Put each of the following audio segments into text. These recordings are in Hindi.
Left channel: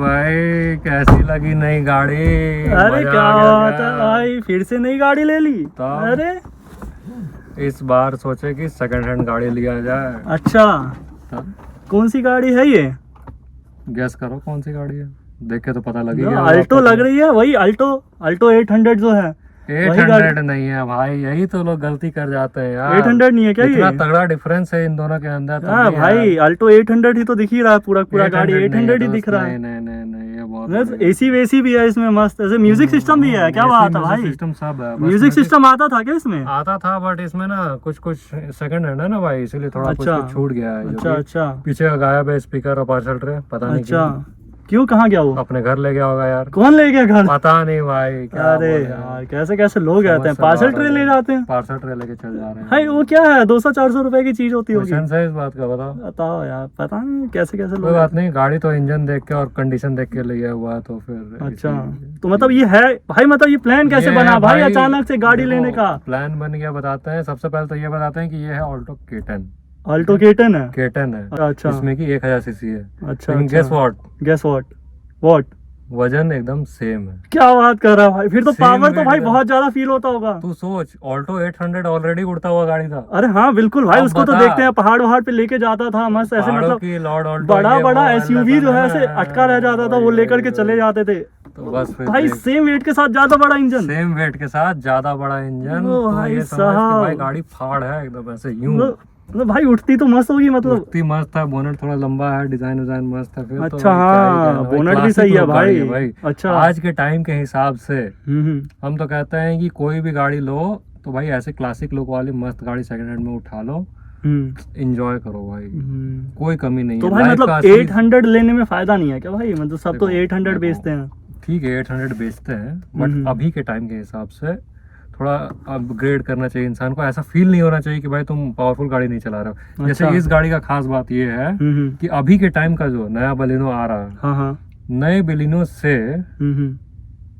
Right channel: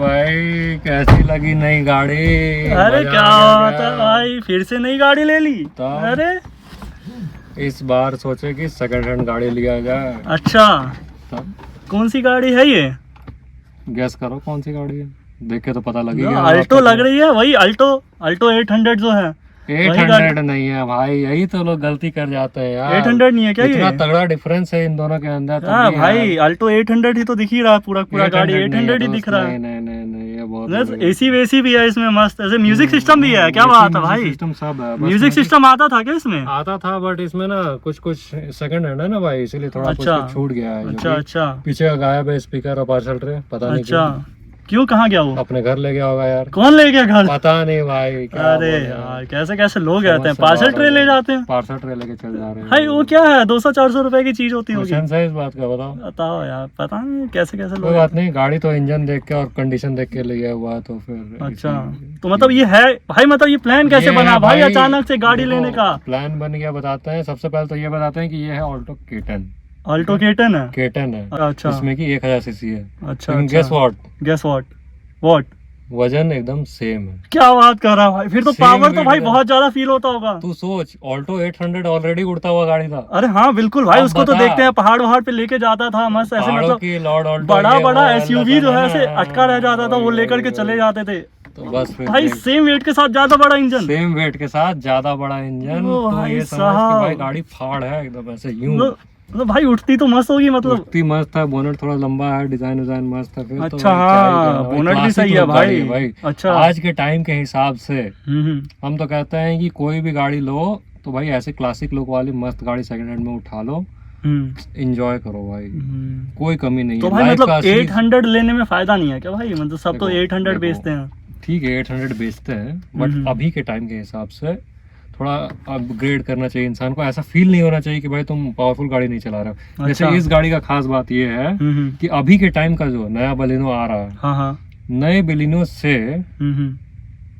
भाई कैसी लगी नई गाड़ी? अरे क्या बात है भाई, फिर से नई गाड़ी ले ली? अरे इस बार सोचे कि सेकंड हैंड गाड़ी लिया जाए। अच्छा, तब कौन सी गाड़ी है ये? गैस करो कौन सी गाड़ी है, देख के तो पता लगेगा। अल्टो लग रही है, वही अल्टो 800 जो है। 800 नहीं है भाई, यही तो लोग गलती कर जाते हैं यार। 800 नहीं है क्या? इतना ये तगड़ा डिफरेंस है इन दोनों के अंदर। हाँ भाई, अल्टो 800 ही तो दिख ही रहा है, पूरा गाड़ी 800 ही दिख रहा है। नहीं ये बहुत एसी वेसी भी है इसमें मस्त, ऐसे म्यूजिक सिस्टम भी है। क्या बात है भाई, सिस्टम सब है। म्यूजिक सिस्टम आता था क्या इसमें? आता था बट इसमें ना कुछ सेकंड हैंड है ना भाई, इसीलिए थोड़ा कुछ छूट गया है। अच्छा पीछे गायब है स्पीकर और पार्सल ट्रे, पता नहीं क्यों कहाँ गया वो? अपने घर ले गया होगा यार। कौन ले गया घर? पता नहीं भाई। अरे यार कैसे लोग रहते हैं, पार्सल ट्रे ले जाते हैं। पार्सल ट्रे लेके चल जा रहे हैं भाई, वो क्या है 200-400 रुपए की चीज होती होगी। है इस बात का बताओ यार, पता नहीं कैसे कोई बात नहीं, गाड़ी तो इंजन देख के और कंडीशन देख के लिया हुआ है तो फिर। अच्छा तो मतलब ये है भाई, मतलब ये प्लान कैसे बना भाई अचानक से गाड़ी लेने का? प्लान बन गया, बताते हैं। सबसे पहले तो ये बताते हैं कि ये है ऑल्टो केटन है। केटन है। अच्छा, इसमें की 1000 सीसी है। अच्छा, गेस व्हाट वजन एकदम सेम है। क्या बात कर रहा है भाई, फिर तो पावर तो भाई बहुत ज्यादा फील होता होगा। तू सोच, ऑल्टो 800 ऑलरेडी उड़ता हुआ गाड़ी था। अरे हाँ बिल्कुल भाई, उसको तो देखते हैं पहाड़ पे लेके जाता था मस्त ऐसे, मतलब बड़ा एसयूवी जो है ऐसे अटका रह जाता था, वो लेकर के चले जाते थे। तो बस फिर भाई सेम वेट के साथ ज्यादा बड़ा इंजन। तो ये समझ कि भाई गाड़ी फाड़ है एकदम ऐसे यूं। मतलब भाई उठती तो मस्त होगी, मतलब उठती मस्त है। बोनेट थोड़ा लंबा है, डिजाइन मस्त है। फिर अच्छा, तो बोनेट भी सही है भाई। अच्छा, आज के टाइम के हिसाब से हम तो कहते हैं कि कोई भी गाड़ी लो तो भाई ऐसे क्लासिक लुक वाली मस्त गाड़ी सेकंड हैंड में उठा लो, एंजॉय करो भाई, कोई कमी नहीं है। भाई मतलब 800 लेने में फायदा नहीं है क्या भाई? मतलब सब तो 800 बेचते हैं। ठीक है 800 बेचते हैं, बट अभी के टाइम के हिसाब से थोड़ा अपग्रेड करना चाहिए इंसान को। ऐसा फील नहीं होना चाहिए कि भाई तुम पावरफुल गाड़ी नहीं चला रहे हो। जैसे इस गाड़ी का खास बात ये है कि अभी के टाइम का जो नया बलिनो आ रहा है, नए बलिनो से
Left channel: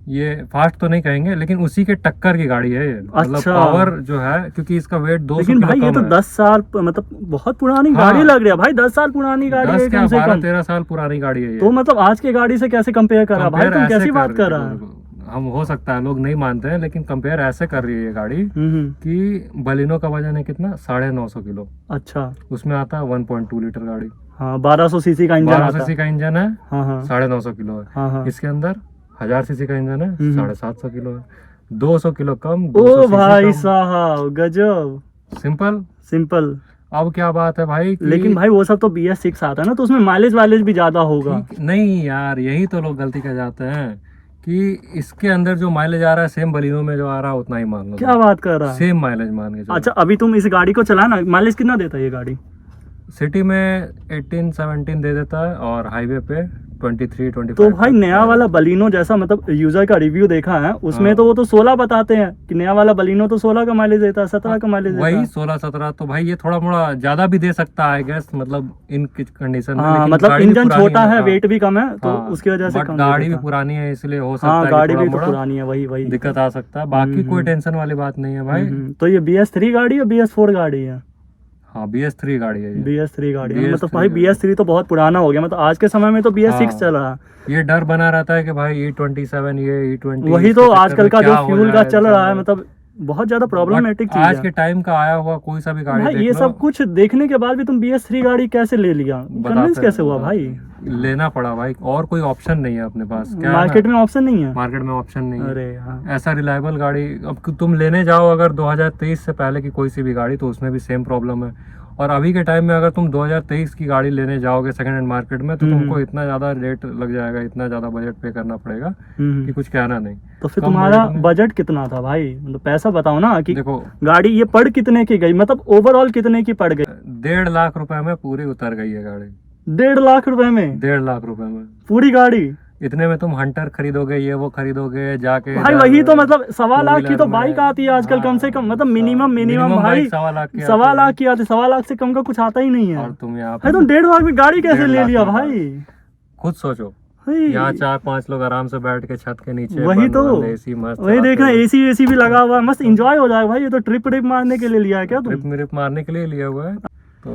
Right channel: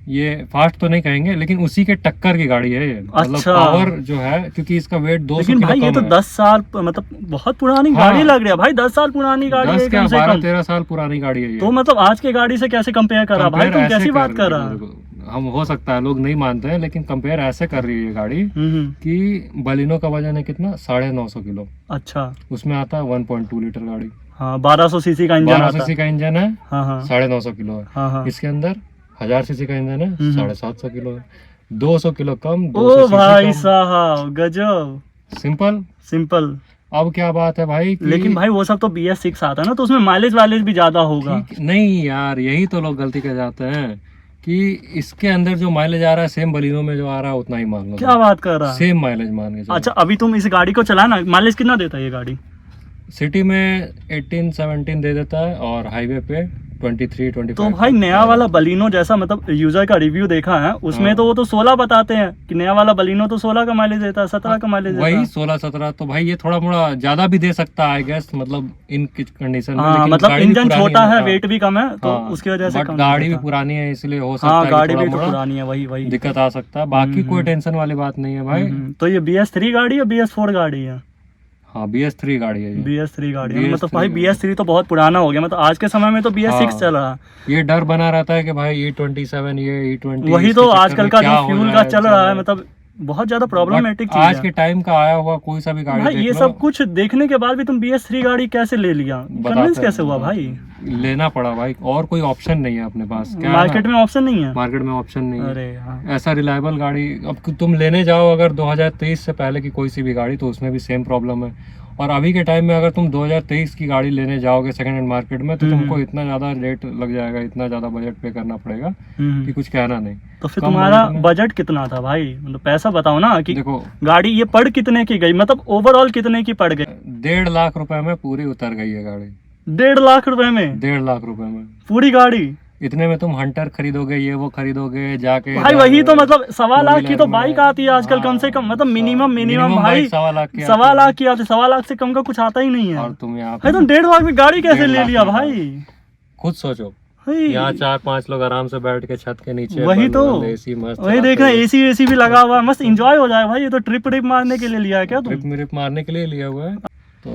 ये फास्ट तो नहीं कहेंगे, लेकिन उसी के टक्कर की गाड़ी है ये। मतलब पावर जो है, क्योंकि इसका वेट 200 किलो भाई, ये तो 10 साल मतलब बहुत पुरानी गाड़ी लग रही है भाई। 10 साल पुरानी गाड़ी है, 12-13 साल पुरानी गाड़ी है ये। तो मतलब आज की गाड़ी से कैसे कंपेयर करा भाई? तुम कैसी बात कर रहा है? हम हो सकता है लोग नहीं मानते हैं, लेकिन कंपेयर ऐसे कर रही है ये गाड़ी कि बलिनो का वजन है कितना, 950 किलो। अच्छा, उसमें आता है 1.2 लीटर गाड़ी। 1200 सीसी का इंजन है, 950 किलो है। इसके अंदर 1000 सीसी का इंजन है, 750 किलो है। 200 किलो कम, 200 सीसी भाई साहब गजब। सिंपल। अब क्या बात है भाई लेकिन भाई वो सब तो BS6 आता है ना, तो उसमें माइलेज भी ज्यादा होगा। नहीं यार, यही तो लोग गलती कर जाते हैं कि इसके अंदर जो माइलेज आ रहा है सेम बलिनो में जो आ रहा है उतना ही मान लो। क्या बात कर रहा है? सेम माइलेज मान के चलो। अच्छा, अभी तुम इस गाड़ी को चलाना, माइलेज कितना देता है ये गाड़ी? सिटी में 18-17 दे देता है और हाईवे पे 23-25। तो भाई नया वाला बलिनो जैसा, मतलब यूजर का रिव्यू देखा है उसमें तो वो तो 16 बताते हैं कि नया वाला बलिनो तो 16 का माइलेज देता है, 17 का माइलेज देता है। वही 16-17 तो भाई ये थोड़ा मोड़ा ज्यादा भी दे सकता है आई गेस, मतलब इन कंडीशन में। लेकिन मतलब इंजन छोटा है, वेट भी कम है, तो उसकी वजह से गाड़ी भी पुरानी है, इसलिए हो सकता है गाड़ी भी पुरानी है, वही दिक्कत आ सकता है। बाकी कोई टेंशन वाली बात नहीं है भाई। तो ये BS3 गाड़ी है, BS4 गाड़ी है? हाँ BS3 गाड़ी है। BS3 गाड़ी है, मतलब भाई BS3 तो बहुत पुराना हो गया। मतलब आज के समय में तो BS6 चल रहा है। ये डर बना रहता है कि भाई E27 ये E20 वही तो आजकल का जो फ्यूल का चल रहा है, मतलब बहुत ज्यादा प्रॉब्लमेटिक चीज है। आज के टाइम का आया हुआ कोई सा भी गाड़ी भाई, ये सब कुछ देखने के बाद भी तुम BS3 गाड़ी कैसे ले लिया? कन्विंस कैसे हुआ भाई? लेना पड़ा भाई, और कोई ऑप्शन नहीं है अपने पास। क्या मार्केट में ऑप्शन नहीं है? मार्केट में ऑप्शन नहीं है। ऐसा रिलायबल गाड़ी अब तुम लेने जाओ अगर 2023 से पहले की कोई सी भी गाड़ी, तो उसमें भी सेम प्रॉब्लम है। और अभी के टाइम में अगर तुम 2023 की गाड़ी लेने जाओगे सेकंड हैंड मार्केट में, तो तुमको इतना ज्यादा रेट लग जाएगा, इतना ज्यादा बजट पे करना पड़ेगा कि कुछ कहना नहीं। तो फिर तुम्हारा बजट कितना था भाई? मतलब पैसा बताओ ना कि देखो गाड़ी ये पड़ कितने की गई, मतलब ओवरऑल कितने की पड़ गई? 1.5 लाख रुपए में पूरी उतर गई है गाड़ी। 1.5 लाख रुपए में? 1.5 लाख रुपए में पूरी गाड़ी? इतने में तुम हंटर खरीदोगे, ये वो खरीदोगे जाके भाई। वही तो मतलब 1.25 लाख की तो बाइक आती है आजकल कम से कम, मतलब मिनिमम भाई 1.25 लाख की आती है। 1.25 लाख से कम का कुछ आता ही नहीं है। और तुम यहाँ पे तुम 1.5 लाख में गाड़ी कैसे ले लिया भाई? खुद सोचो, यहाँ 4-5 लोग आराम से बैठ के छत के नीचे, वही तो एसी मस्त, वही देखना एसी भी लगा हुआ, मस्त एंजॉय हो जाएगा भाई। ये तो ट्रिप मारने के लिए लिया है क्या? ट्रिप मारने के लिए लिया हुआ है। तो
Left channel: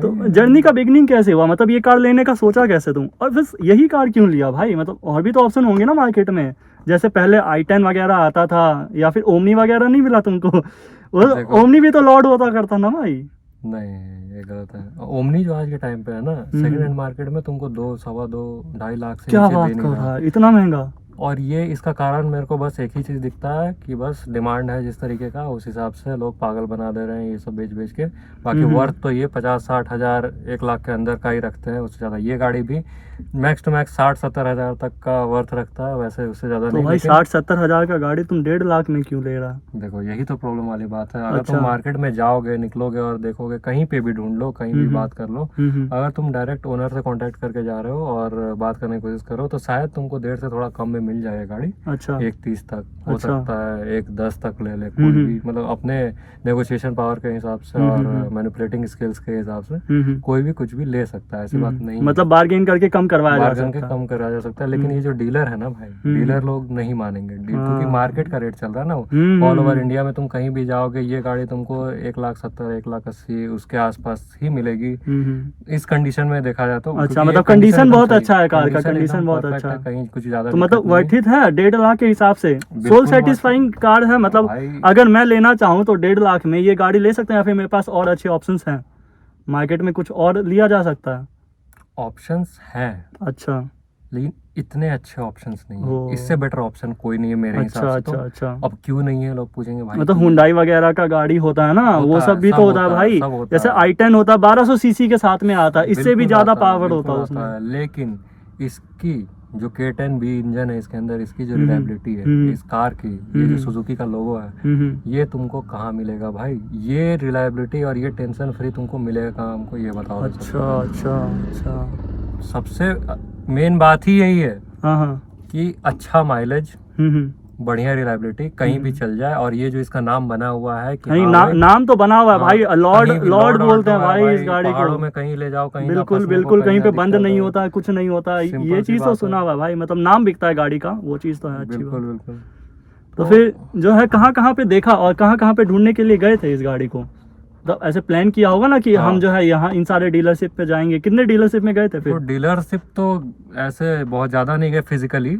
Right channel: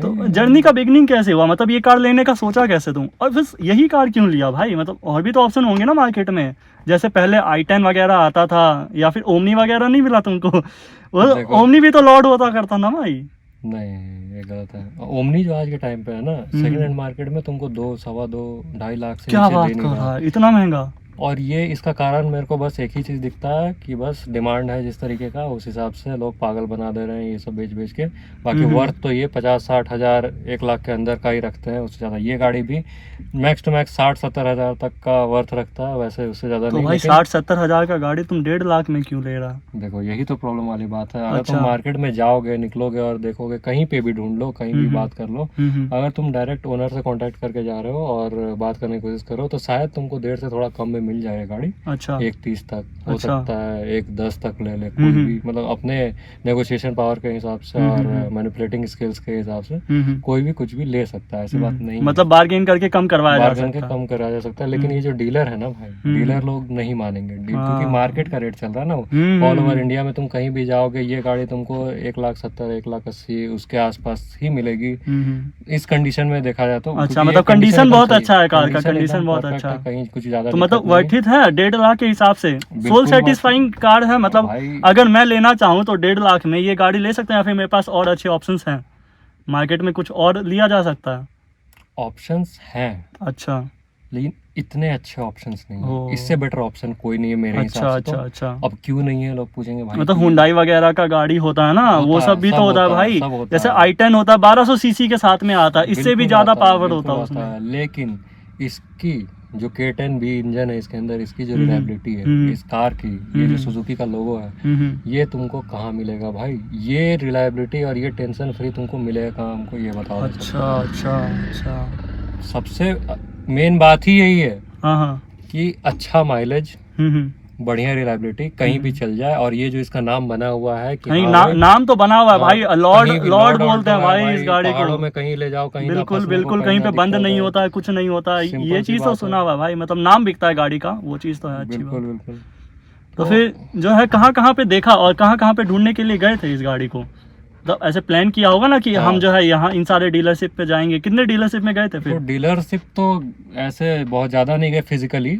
तो जर्नी का बिगनिंग कैसे हुआ, मतलब ये कार लेने का सोचा कैसे तुम, और फिर यही कार क्यों लिया भाई? मतलब और भी तो ऑप्शन होंगे ना मार्केट में, जैसे पहले i10 वगैरह आता था, या फिर ओमनी वगैरह नहीं मिला तुमको? वो ओमनी भी तो लॉर्ड होता करता ना भाई। नहीं, ये गलत है। ओमनी जो आज के टाइम पे है ना, सेकंड हैंड मार्केट में तुमको 2, सवा 2, 2.5 लाख से क्या नीचे बात दे नहीं कर रहा। रहा है, इतना महंगा? और ये इसका कारण मेरे को बस एक ही चीज़ दिखता है कि बस डिमांड है जिस तरीके का, उस हिसाब से लोग पागल बना दे रहे हैं ये सब बेच बेच के। बाकी वर्थ तो ये 50-60 हज़ार 1 लाख के अंदर का ही रखते हैं, उससे ज़्यादा ये गाड़ी भी मैक्स टू मैक्स 60-70 हज़ार तक का वर्थ रखता है, वैसे उससे ज़्यादा तो नहीं। भाई 60-70 हजार का गाड़ी तुम 1.5 लाख में क्यों ले रहा? देखो यही तो प्रॉब्लम वाली बात है। अगर अच्छा। तुम मार्केट में जाओगे, निकलोगे और देखोगे, कहीं पे भी ढूंढ लो, कहीं भी बात कर लो, अगर तुम डायरेक्ट ओनर से कांटेक्ट करके जा रहे हो और बात करने की कोशिश करो तो शायद तुमको 1.5 से थोड़ा कम में मिल जाए गाड़ी। अच्छा। 1.30 तक हो अच्छा। सकता है, 1.10 तक ले ले कोई भी, मतलब अपने नेगोशिएशन पावर के हिसाब से और मैनिपुलेटिंग स्किल्स के हिसाब से कोई भी कुछ भी ले सकता है, ऐसी बात नहीं है। मतलब बार्गेन करके कम करवाया जा बार्गेन के सकता है। कम करा जा सकता है, लेकिन ये जो डीलर है ना भाई, डीलर लोग नहीं मानेंगे, क्योंकि मार्केट का रेट चल रहा है ना ऑल ओवर इंडिया में। तुम कहीं भी जाओगे ये गाड़ी तुमको 1,70,000, 1,80,000 उसके आसपास ही मिलेगी इस कंडीशन में देखा जाए तो। अच्छा, मतलब कंडीशन बहुत अच्छा है कार का, कंडीशन बहुत अच्छा है, कहीं कुछ ज्यादा तो मतलब वर्थ इट है 1.5 लाख के हिसाब से, सोल बिल्कुल सेटिस्फाइंग कार है। मतलब अगर मैं लेना चाहूँ तो 1.5 लाख में ये गाड़ी ले सकते हैं, या फिर मेरे पास और अच्छे ऑप्शंस हैं मार्केट में, कुछ और लिया जा सकता है? ऑप्शंस हैं, अच्छा, लेकिन इतने अच्छे ऑप्शंस नहीं है। इससे बेटर ऑप्शन कोई नहीं है मेरे हिसाब से। अच्छा, अच्छा। अब क्यों नहीं है लोग पूछेंगे भाई, मतलब हुंडई वगैरह का गाड़ी होता है ना, वो सब भी तो होता है भाई। जैसे i10 होता है 1200 सीसी के साथ में आता है, इससे भी ज्यादा पावर होता है उसमें। लेकिन इसकी जो K10B इंजन है इसके अंदर, इसकी जो रिलायबिलिटी है इस कार की, ये जो सुजुकी का लोगो है, ये तुमको कहाँ मिलेगा भाई? ये रिलायबिलिटी और ये टेंशन फ्री तुमको मिलेगा कहाँ, हमको ये बताओ। अच्छा, अच्छा, अच्छा। सबसे मेन बात ही यही है हाँ, कि अच्छा माइलेज, बढ़िया रिलायबिलिटी, कहीं भी चल जाए। और ये जो इसका नाम बना हुआ है कि नहीं, नाम तो बना हुआ है भाई, लॉर्ड बोलते हैं भाई इस गाड़ी को। पहाड़ों में कहीं ले जाओ, कहीं बिल्कुल बिल्कुल, कहीं पे बंद नहीं होता है, कुछ नहीं होता है, ये चीज तो सुना हुआ भाई। मतलब नाम बिकता है गाड़ी का, वो चीज तो है अच्छी बात। बिल्कुल बिल्कुल। तो फिर जो है कहाँ कहाँ पे देखा और कहाँ कहाँ पे ढूंढने के लिए गए थे इस गाड़ी को? तो ऐसे प्लान किया होगा ना कि हम जो है यहाँ इन सारे डीलरशिप पे जाएंगे। कितने डीलरशिप में गए थे फिर? तो डीलरशिप तो ऐसे बहुत ज्यादा नहीं गए फिजिकली,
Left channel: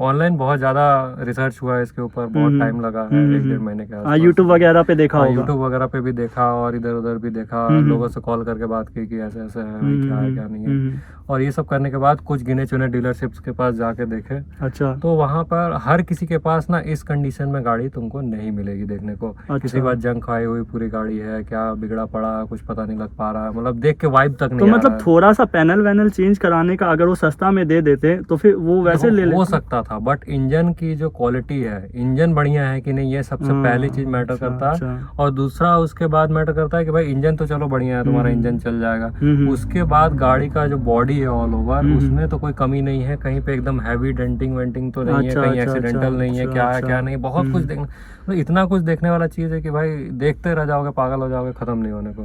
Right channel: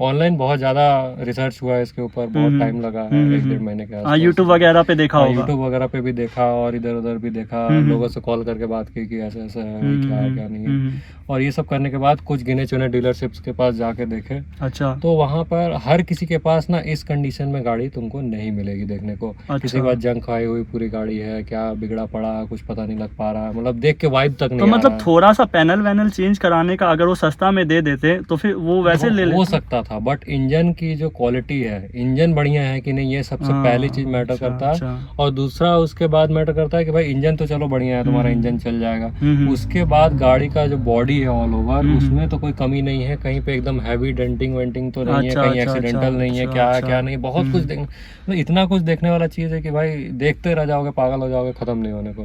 ऑनलाइन बहुत ज्यादा रिसर्च हुआ है इसके ऊपर, बहुत टाइम लगा है, 1-1.5 महीने के आसपास। यूट्यूब वगैरह पे देखा होगा? यूट्यूब वगैरह पे भी देखा और इधर उधर भी देखा, लोगों से कॉल करके बात की कि ऐसे ऐसे है भाई, क्या है क्या नहीं है। और ये सब करने के बाद कुछ गिने चुने डीलरशिप्स के पास जाके देखे। अच्छा। तो वहाँ पर हर किसी के पास ना इस कंडीशन में गाड़ी तुमको नहीं मिलेगी देखने को। किसी के पास जंग खाई हुई पूरी गाड़ी है, क्या बिगड़ा पड़ा कुछ पता नहीं लग पा रहा, मतलब देख के वाइब तक नहीं तो आ रहा मतलब है। थोड़ा सा पैनल वैनल चेंज कराने का अगर वो सस्ता में दे देते तो फिर वो वैसे ले लेते। हो सकता था, बट इंजन की जो क्वालिटी है, इंजन बढ़िया है कि नहीं, ये सबसे पहली चीज मैटर करता है। और दूसरा उसके बाद मैटर करता है कि भाई इंजन तो चलो बढ़िया है, तुम्हारा इंजन चल जाएगा। उसके बाद गाड़ी का जो बॉडी है ऑल ओवर, उसमें तो कोई कमी नहीं है, कहीं पे एकदम हैवी डेंटिंग वेंटिंग तो नहीं है, कहीं एक्सीडेंटल नहीं है, क्या है क्या नहीं, बहुत कुछ देखना, तो इतना कुछ देखने वाला चीज है कि भाई देखते रह जाओगे, पागल हो जाओगे, खत्म नहीं होने को।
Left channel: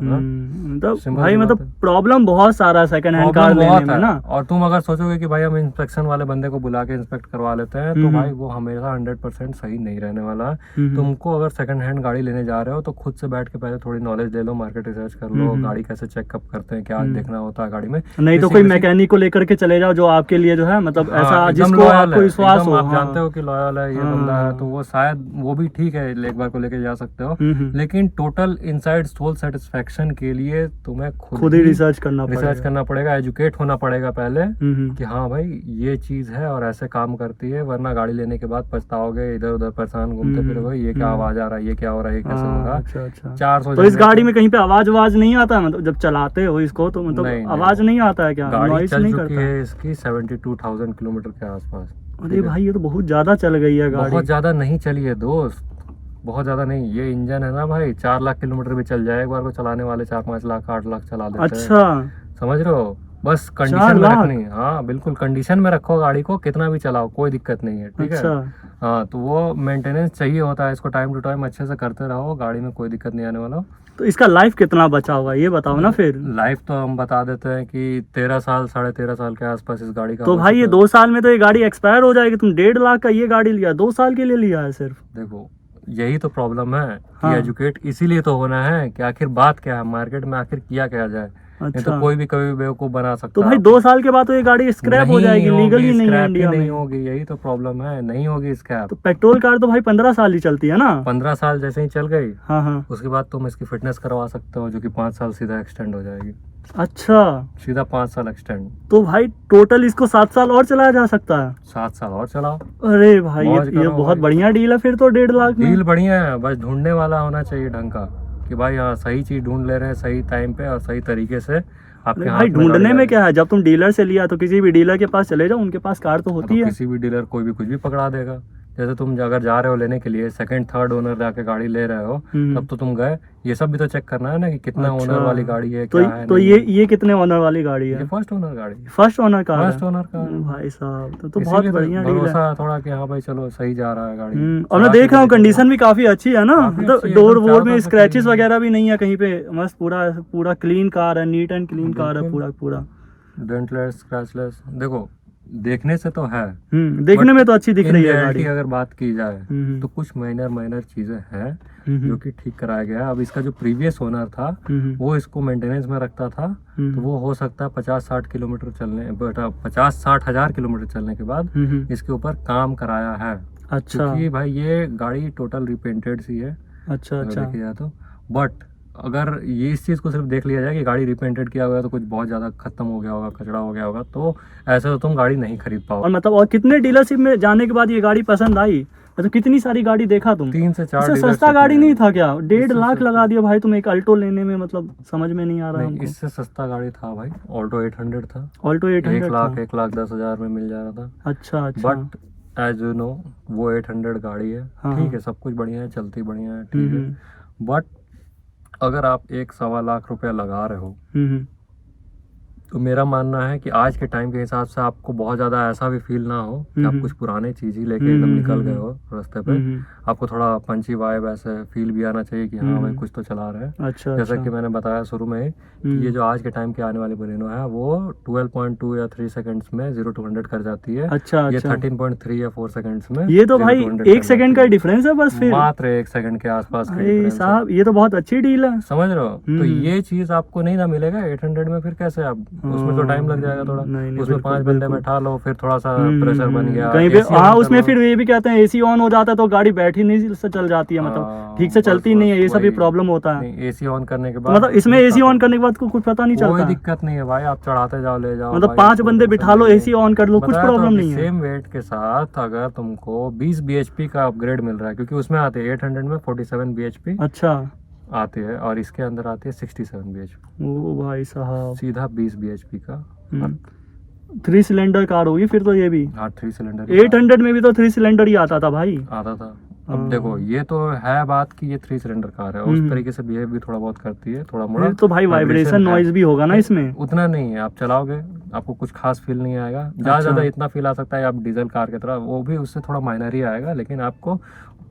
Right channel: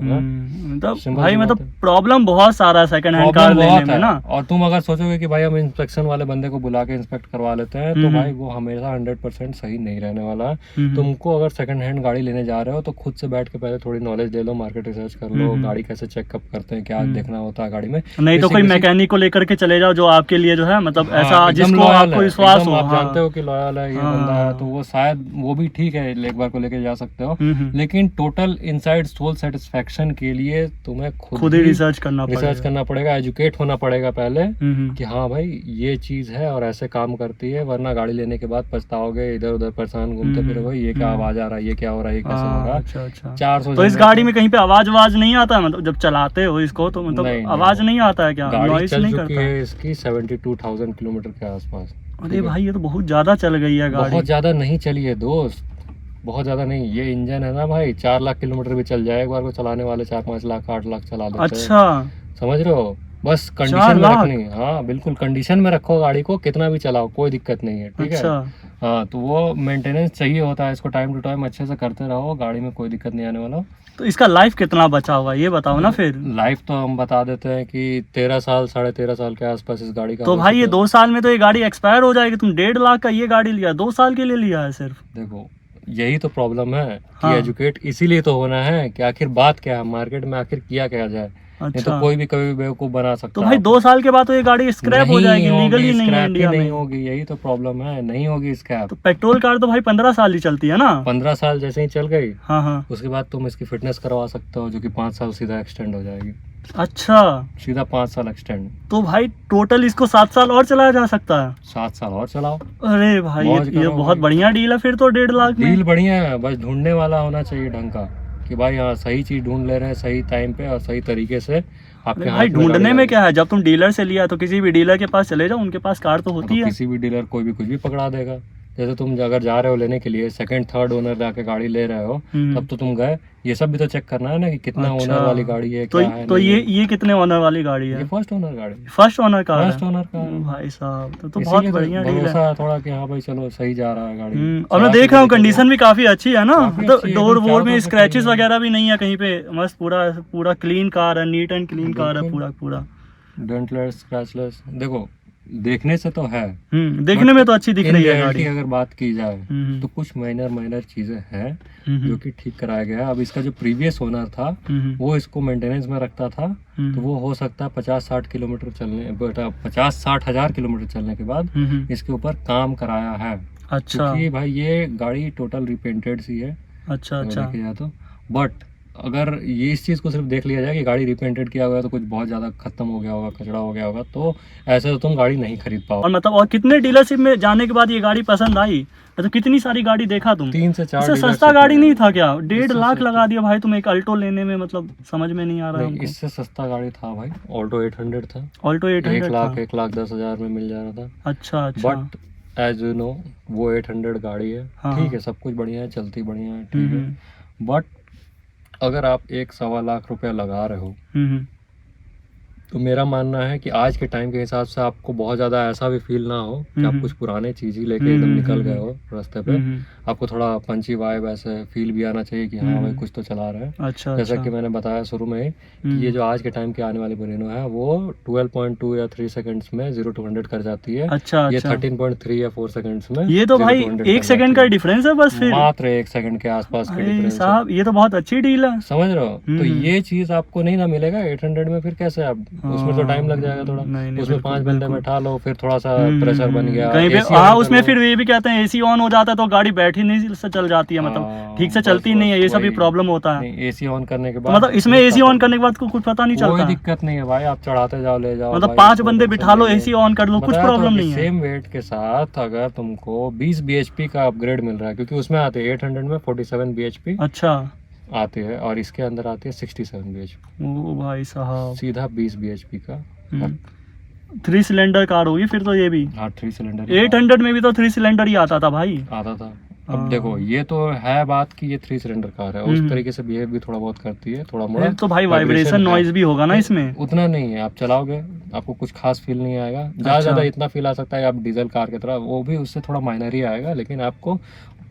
तो भाई मतलब प्रॉब्लम बहुत सारा सेकंड हैंड कार लेने में ना। और तुम अगर सोचोगे कि भाई हम इंस्पेक्शन वाले बंदे को बुला के इंस्पेक्ट करवा लेते हैं, तो भाई वो हमेशा 100% सही नहीं रहने वाला। तुमको अगर सेकंड हैंड गाड़ी लेने जा रहे हो तो खुद से बैठ के पहले थोड़ी नॉलेज ले लो, मार्केट रिसर्च कर लो, गाड़ी कैसे चेकअप करते हैं, क्या देखना होता है गाड़ी में। नहीं तो कोई मैकेनिक को लेकर के चले जाओ जो आपके लिए जो है मतलब ऐसा जिसको आपको विश्वास हो, आप जानते हो कि लॉयल है ये बंदा है, तो वो शायद वो भी ठीक है, एक बार को लेके जा सकते हो। लेकिन टोटल इनसाइड सोल सेटिस्फेक्शन के लिए तुम्हें खुद ही रिसर्च करना पड़ेगा, एजुकेट होना पड़ेगा पहले कि हाँ भाई ये चीज है और ऐसे काम करती है, वरना गाड़ी लेने के बाद पछताओगे, इधर उधर परेशान घूमते फिर भाई ये क्या आवाज आ रहा है, ये क्या हो रहा है, ये कैसे हो रहा है। 400 तो इस गाड़ी में कहीं पे आवाज नहीं आता है? मतलब जब चलाते हो इसको तो मतलब आवाज नहीं आता है क्या? गाड़ी चल चुकी है इसकी 72,000 किलोमीटर के आसपास। अरे भाई ये तो बहुत ज्यादा चल गई है गाड़ी। बहुत ज्यादा नहीं चली है दोस्त, बहुत ज्यादा नहीं। ये इंजन है ना भाई 4 लाख किलोमीटर भी चल जाए एक बार को चलाने वाले, 4-5 लाख 8 लाख चला लेते हैं। अच्छा, समझ रहे हो? बस कंडीशन में रखनी। हाँ बिल्कुल, कंडीशन में रखो गाड़ी को, कितना भी चलाओ कोई दिक्कत नहीं है, ठीक है। हाँ तो वो मेंटेनेंस चाहिए होता है, इसको टाइम टू टाइम अच्छे से करते रहो, गाड़ी में कोई दिक्कत नहीं आने वाला। तो इसका लाइफ कितना बचा हुआ ये बताओ ना फिर। लाइफ तो हम बता देते हैं कि 13 साल 13.5 साल के आसपास इस गाड़ी का। तो भाई ये 2 साल में तो ये गाड़ी एक्सपायर हो जाएगी। तुम 1.5 लाख का ये गाड़ी लिया, 2 साल के लिए लिया है सिर्फ। देखो यही तो प्रॉब्लम है कि एजुकेट इसीलिए तो होना है कि आखिर बात क्या है मार्केट में, आखिर किया क्या जाए। नहीं अच्छा। तो कोई भी कभी बेवकूफ बना सकता तो है भाई आपको। 2 साल के बाद तो ये गाड़ी स्क्रैप हो नहीं जाएगी, होगी, लीगल ही नहीं है स्क्रैप ही इंडिया नहीं में। होगी, यही तो प्रॉब्लम है, नहीं होगी स्क्रैप। तो पेट्रोल कार तो भाई 15 साल ही चलती है ना। 15 साल जैसे ही चल गई, हाँ हाँ। उसके बाद तुम इसकी फिटनेस करवा सकते हो, जो कि 5 साल सीधा एक्सटेंड हो जाएगी, अच्छा, सीधा 5 साल एक्सटेंड। तो भाई टोटल इसको 7 साल और चलाया जा सकता है। 7 साल और चलाओ, अरे भाई मौज ये करो बहुत भाई। बढ़िया डील है फिर तो 1.5 लाख में। डील बढ़िया है, बस ढूंढने वाला होना चाहिए ढंग का, कि भाई हाँ सही चीज ढूंढ ले रहे हैं सही टाइम पे और सही तरीके से आपके हाथ भाई में ढूंढने गाड़ी में आ क्या है, जब तुम डीलर से लिया तो किसी भी डीलर के पास चले जाओ, उनके पास कार तो गई। होती तो है। किसी भी डीलर कोई भी कुछ भी पकड़ा देगा। जैसे तुम अगर जा रहे हो लेने के लिए, सेकंड थर्ड ओनर जाके गाड़ी ले रहे हो, तब तो तुम गए, ये सब भी तो चेक करना है ना कि कितना अच्छा। ओनर वाली गाड़ी है, तो क्या है तो नहीं है। ये कितने ओनर वाली गाड़ी ये है? फर्स्ट ओनर गाड़ी है, फर्स्ट ओनर कार है। फर्स्ट ओनर का है। भाई साहब तो बहुत इसीलिए तो बढ़िया डील है। भरोसा है थोड़ा कि हाँ भाई चलो सही जा रहा है गाड़ी। और मैं चला देख के रहा हूँ देखो। कंडीशन भी काफी अच्छी है ना, काफी मतलब अच्छी है, डोर एकदम वोर चारों में तरफ से स्क्रैचेस clean है। वगैरह भी नहीं है कहीं पे, मस्त पूरा पूरा क्लीन कार है, नीट एंड क्लीन कार है बिल्कुल। पूरा। डेंटलेस स्क्रैचलेस, देखो देखने से तो है, देखने But में तो अच्छी दिख इन रही है रियलिटी गाड़ी। अगर बात की जाए हम्म, तो कुछ माइनर चीजें हैं हम्म, जो कि ठीक कराया गया है। अब इसका जो प्रीवियस ओनर था हम्म, वो इसको मेंटेनेंस में रखता था, तो वो हो सकता है 50-60 किलोमीटर चलने 50-60 हजार किलोमीटर चलने के बाद इसके ऊपर काम कराया है। अच्छा क्योंकि भाई ये गाड़ी टोटल रिपेंटेड सी है अच्छा अगर अच्छा। देखा जाए तो। बट अगर ये इस चीज़ को सिर्फ देख लिया जाए कि गाड़ी रिपेंटेड किया हुआ है तो कुछ बहुत ज़्यादा खत्म हो गया होगा, कचरा हो गया होगा, तो ऐसा तो तुम गाड़ी नहीं खरीद पाओ। और मतलब और कितने डीलरशिप में जाने के बाद ये गाड़ी पसंद आई? मतलब कितनी सारी गाड़ी देखा तुम? 3 से 4 इससे सस्ता dealership गाड़ी में- नहीं था क्या? 1.5 इससे लाख सस्ता- लगा दिया भाई तुम एक अल्टो लेने में, मतलब समझ में नहीं आ रहा नहीं, हमको। इससे सस्ता गाड़ी था भाई, ऑल्टो 800 था, ऑल्टो 800 था। 1,10,000 में मिल जा रहा था। अच्छा अच्छा। बट एज यू नो वो 800 गाड़ी है, हाँ, ठीक हाँ। है, सब कुछ बढ़िया है, चलती बढ़िया है, ठीक है। बट अगर आप 1-1.25 लाख रुपया लगा रहे हो, हम्म, तो मेरा मानना है कि आज के टाइम के हिसाब से आपको बहुत ज़्यादा ऐसा भी फील ना हो कि आप कुछ पुराने चीज़ ही लेके एकदम निकल गए हो रास्ते पे। आपको थोड़ा पंची वाइब ऐसे फील भी आना चाहिए कि हाँ भाई कुछ तो चला रहे हैं। अच्छा जैसा अच्छा। कि मैंने बताया शुरू में ही कि ये जो आज के टाइम की आने वाली बलिनो है वो 12.2 या 3 सेकंड्स में 0 to 100 कर जाती है। अच्छा ये अच्छा। 13.3 या 4 सेकंड्स में ये तो 0 भाई to 100 1 कर सेकंड का जाती है। डिफरेंस है बस फिर। मात्र 1 सेकंड के आसपास का भाई डिफरेंस है। साहब ये तो बहुत अच्छी डील है। समझ रहे हो? तो ये चीज आपको नहीं ना मिलेगा 800 में, फिर कैसे आप उसमें तो टाइम लग जाएगा थोड़ा। नहीं, उसमें बिल्कुल, 5 बंदे बिल्कुल। बैठा लो, फिर थोड़ा सा प्रेशर बन गया, कहीं पे AC on हाँ कर उसमें लो। फिर ये भी कहते हैं एसी ऑन हो जाता है तो गाड़ी बैठी नहीं से चल जाती है, मतलब हाँ, ठीक से बस, चलती बस नहीं है, ये सब भी वही। प्रॉब्लम होता है। नहीं, AC ऑन करने के तो बाद मतलब इसमें एसी ऑन करने के बाद कुछ पता नहीं कोई चलता। दिक्कत नहीं है भाई, आप चढ़ाते जाओ ले जाओ मतलब भाई, 5 कोई बंदे टेंशन बिठा लो, नहीं है। एसी ऑन कर लो, कुछ बताया तो प्रॉब्लम कि नहीं है। सेम वेट के साथ अगर तुमको 20 bhp का अपग्रेड मिल रहा है, क्योंकि उसमें आते हैं 800 में 47 bhp अच्छा आती है और इसके अंदर आती है 67 bhp, ओ भाई साहब। सीधा 20 bhp का। 3 सिलेंडर कार होगी फिर तो ये भी। हाँ 3 सिलेंडर 800 में भी तो 3 सिलेंडर ही आता था भाई। आता था। हाँ। अब देखो ये तो है बात कि ये 3 सिलेंडर कार है, उस तरीके से बिहेव भी थोड़ा बहुत करती है, थोड़ा मोड़ा तो भाई वाइब्रेशन है। नॉइज भी होगा ना इसमें। उतना नहीं है, आप चलाओगे आपको कुछ खास फील नहीं आएगा, ज़्यादा अच्छा। ज़्यादा इतना फील आ सकता है आप डीजल कार की तरह, वो भी उससे थोड़ा माइनर ही आएगा, लेकिन आपको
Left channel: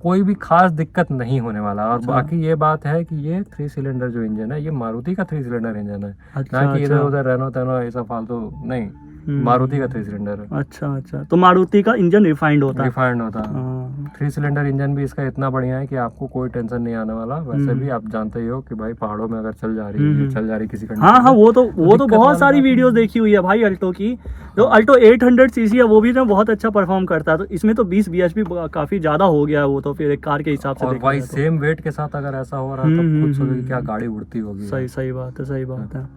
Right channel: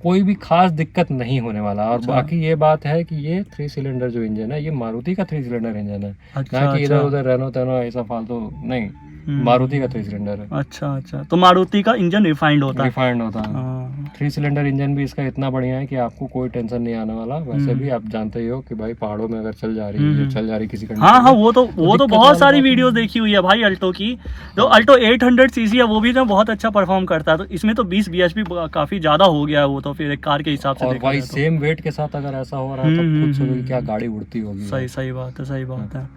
कोई भी खास दिक्कत नहीं होने वाला। और अच्छा। बाकी ये बात है कि ये 3 सिलेंडर जो इंजन है ये मारुति का 3 सिलेंडर इंजन है, अच्छा, ना कि इधर अच्छा। उधर रेनो तेनो ऐसा फालतू नहीं, मारुति का 3 सिलेंडर है, अच्छा अच्छा। तो मारुति का इंजन रिफाइंड होता है। रिफाइंड होता है। 3 सिलेंडर इंजन भी इसका इतना बढ़िया है कि आपको कोई टेंशन नहीं आने वाला। वैसे भी आप जानते ही हो कि भाई पहाड़ों में अगर चल जा रही है, ये चल जा रही है किसी कंडीशन हाँ हाँ, में, वो तो दिक्कत बहुत वाली सारी बात वीडियोस देखी हुई है भाई अल्टो की। जो अल्टो 800 सीसी है वो भी ना बहुत अच्छा परफॉर्म करता है, तो इसमें तो 20 bhp काफी ज्यादा हो गया है वो तो फिर एक कार के हिसाब से और देखा भाई जाए तो। सेम वेट के साथ अगर ऐसा हो रहा है तो खुद सोचो कि क्या गाड़ी उड़ती होगी। सही सही बात है, सही बात है।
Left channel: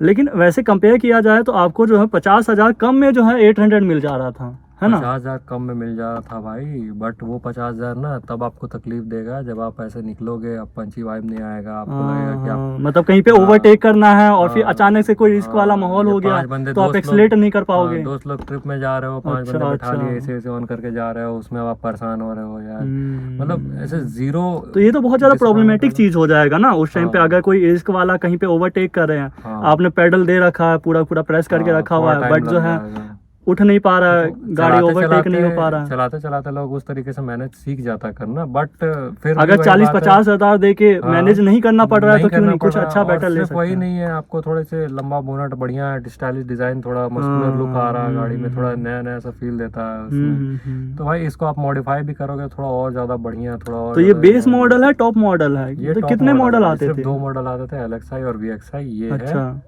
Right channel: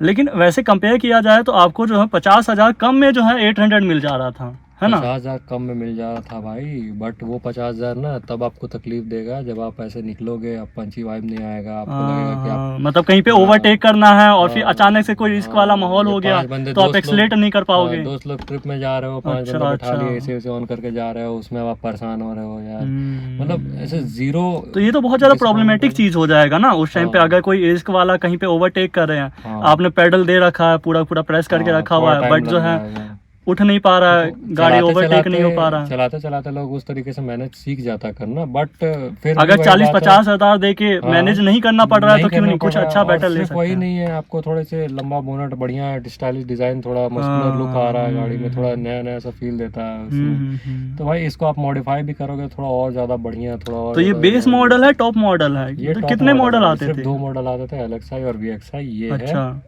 लेकिन वैसे कंपेयर किया जाए तो आपको जो है 50,000 कम में जो है 800 मिल जा रहा था, है ना? 50,000 कम में मिल जा रहा था भाई, बट वो 50,000 ना तब आपको तकलीफ देगा जब आप ऐसे निकलोगे, आप पंची वाइब नहीं आएगा, आपको लगेगा कि आप मतलब कहीं पे ओवरटेक करना है और फिर हाँ, अचानक से कोई रिस्क वाला माहौल हो गया 5 बंदे तो आप दोस्त एक्सीलेट लोग- नहीं कर पाओगे। दोस्त लोग ट्रिप में जा रहे हो, 5 अच्छा, बंदे बिठा अच्छा। लिए, एसी ऑन करके जा रहे हो, उसमें आप परेशान हो रहे हो यार, हम्म। मतलब ऐसे जीरो। तो ये तो बहुत ज्यादा प्रॉब्लमेटिक चीज हो जाएगा ना उस टाइम पे, हाँ। अगर कोई रिस्क वाला कहीं पे ओवरटेक कर रहे हैं, हाँ। आपने पेडल दे रखा है, पूरा पूरा प्रेस करके हाँ, रखा थोड़ा हुआ है, टाइम बट जो लग है जाएगा। उठ नहीं पा रहा है, गाड़ी चलाते ओवरटेक नहीं हो पा रहा। चलाते चलाते लोग उस तरीके से मैनेज सीख जाता करना, बट फिर अगर 40-50 हजार दे के हाँ, मैनेज नहीं करना पड़ रहा है तो क्यों करना नहीं, कुछ पड़ रहा। अच्छा और बेटर ले सिर्फ सकते वही हैं। नहीं है, आपको थोड़े से लंबा बोनट, बढ़िया स्टाइलिश डिजाइन, थोड़ा मस्कुलर लुक आ रहा है गाड़ी में, थोड़ा नया नया सा फील देता है उसमें। तो भाई इसको आप मॉडिफाई भी करोगे थोड़ा और ज्यादा बढ़िया, थोड़ा और तो ये ज्यादा बेस मॉडल है, टॉप मॉडल है, ये तो top कितने मॉडल है। आते सिर्फ थे? 2 मॉडल आते थे, LXi और VXi। ये है अच्छा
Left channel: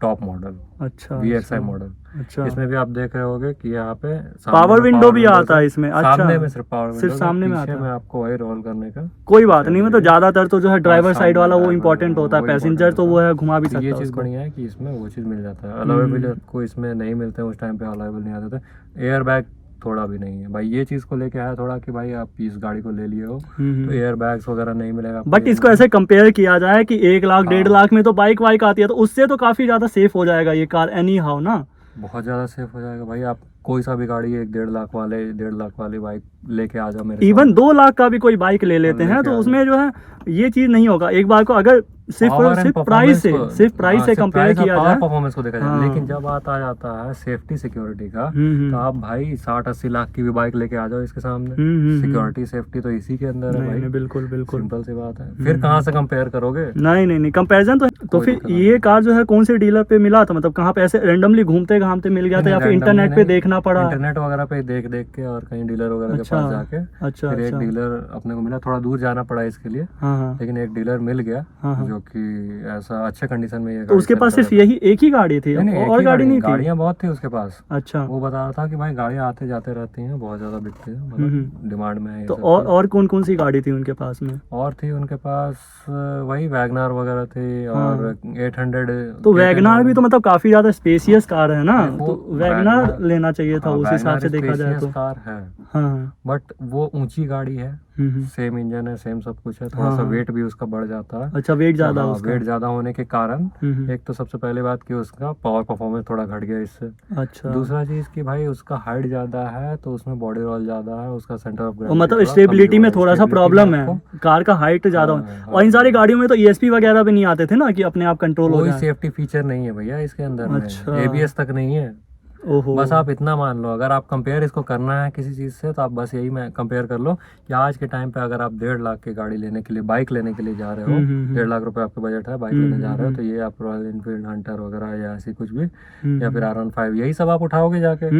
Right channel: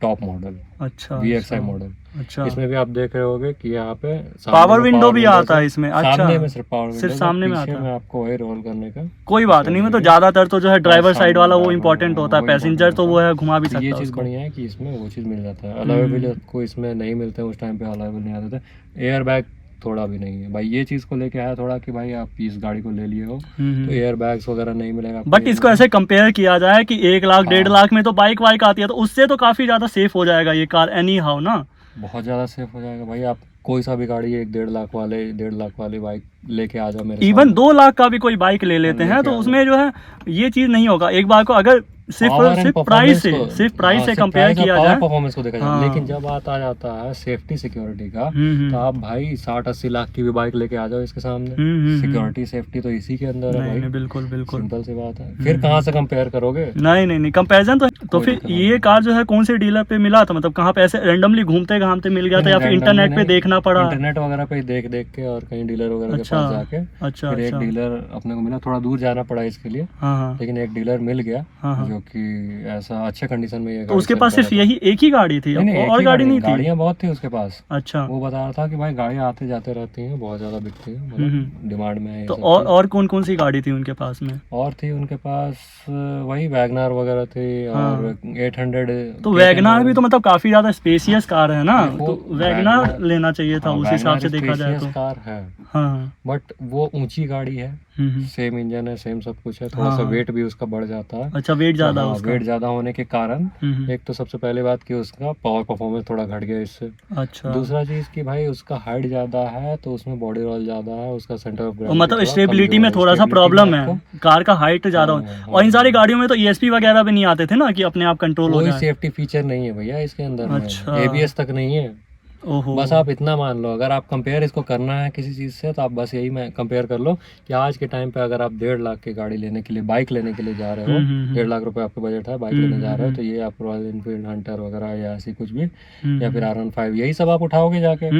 टॉप मॉडल, अच्छा VXi मॉडल। अच्छा। इसमें भी आप देख रहे होगे कि यहाँ पे सामने पावर में विंडो भी windows आता है इसमें? अच्छा, सामने में सिर्फ पावर सिर्फ विंडो, सामने में पीछे आता में है। आपको वही रोल करने का कोई बात नहीं, मतलब ज्यादातर तो जो है ड्राइवर सामने साइड वाला वो driver, इम्पोर्टेंट होता है, वो पैसेंजर important तो वो होता है घुमा भी तो सकता ये है चीज़ उसको। बढ़िया है कि इसमें वो चीज़ मिल जाता है। अलावा भी आपको इसमें नहीं मिलते हैं, उस टाइम पे अलावेबल नहीं आते थे। एयर बैग थोड़ा भी नहीं है भाई, ये चीज़ को लेके आया थोड़ा कि भाई आप इस गाड़ी को ले लिए हो तो एयर बैग्स वगैरह नहीं मिलेगा। बट इसको ऐसे कंपेयर किया जाए कि 1 लाख हाँ। 1.5 लाख में तो बाइक वाइक आती है, तो उससे तो काफी ज्यादा सेफ हो जाएगा ये कार एनी हाउ ना। बहुत ज़्यादा सेफ हो जाएगा भाई। आप कोई सा भी गाड़ी 1-1.5 लाख वाले 1.5 लाख वाली बाइक लेके आ जाओ मेरे इवन 2 लाख का भी कोई बाइक ले लेते हैं लेके तो आ उसमें जो है ये चीज नहीं होगा। एक बार को अगर सिर्फ प्राइस से कंपेयर किया जाए, परफॉर्मेंस को देखा जाए, हाँ। लेकिन जब बात आ जाता है सेफ्टी सिक्योरिटी का, तो आप भाई 60-80 लाख की भी बाइक लेके आ जाओ इसके सामने। सिक्योरिटी सेफ्टी तो इसी के अंदर है भाई। बिल्कुल बिल्कुल, सिंपल सी बात है। फिर कहाँ से कंपेयर करोगे? नहीं कंपैरिजन तो फिर दिक्कत ये कार जो है कौन से डीलर पे मिला था, मतलब कहाँ पे ऐसे रैंडमली घूमते घामते मिल गया था या फिर इंटरनेट पे देखना पड़ा? इंटरनेट वगैरह पे देख देख के और कहीं डीलर वगैरह के पास जाके अच्छा फिर एक डीलर अपने को मिला, थोड़ा दूर जाना पड़ा इसके लिए, हाँ। लेकिन एक डीलर मिल गया जो कि ऐसा अच्छे कंडीशन में ये तो गाड़ी उसके पास चलता सिर्फ रहा। यही एक ही गाड़ी थी नहीं, एक और ही गाड़ी नहीं थी? गाड़ियाँ बहुत थी उसके पास। अच्छा, वो बता रहा था कि भाई गाड़ियाँ आते जाते रहती हैं, बहुत ज्यादा बिकती है, मतलब डिमांड में है ये तो सब और कौन कौन सी गाड़ी थी उनके पास में? और थी उनके पास वही वैगनार वगैरह थी और 800। तो वैगनार भी तो मतलब काफी ज्यादा स्पेसियस कार है ना, देखो, तो वैगनार लेना चाहिए था उस हिसाब से देखा जाए तो। कार है, हाँ बट वो ऊंची गाड़ी है, सेम इंजन है, सेम सब कुछ है, थोड़ा सा वेट भी उसका बढ़ जाता है। अच्छा, वेट ज्यादा हाँ, उसका? वेट ज्यादा होने के कारण एक तो सबसे पहले बात कि उसका पावर परफॉर्मेंस थोड़ा घट गया इससे। अच्छा, दूसरा चीज कि भाई उसका हाइट ज्यादा है तो उसमें बॉडी रोल ज्यादा है, उसका सेंटर ऑफ मतलब स्टेबिलिटी में थोड़ा सा प्रॉब्लम है, कार का हाइट ज्यादा और इन सारी गाड़ियों में तो ESP वगैरह भी नहीं आते थे ना कि अपने आप कंट्रोल हो कोई जाए? सेफ्टी फीचर नहीं है भैया इसके अंदर। अच्छा। ABS तक नहीं है। ओहो, बस आप इतना मान लो, अगर आप कंपेयर इसको करना है किसी चीज़ से तो आप बस यही में कंपेयर कर लो कि आज के टाइम पे अगर आप 1.5 लाख की गाड़ी लेने के लिए, बाइक लेने के लिए जा रहे हो, 1.5 लाख रुपए आपका बजट है, बाइक लेने जा रहे हो, तो ये आप रॉयल इनफील्ड हंटर वगैरह या ऐसी कुछ भी या फिर R15 यही सब आप उठाओगे जाके।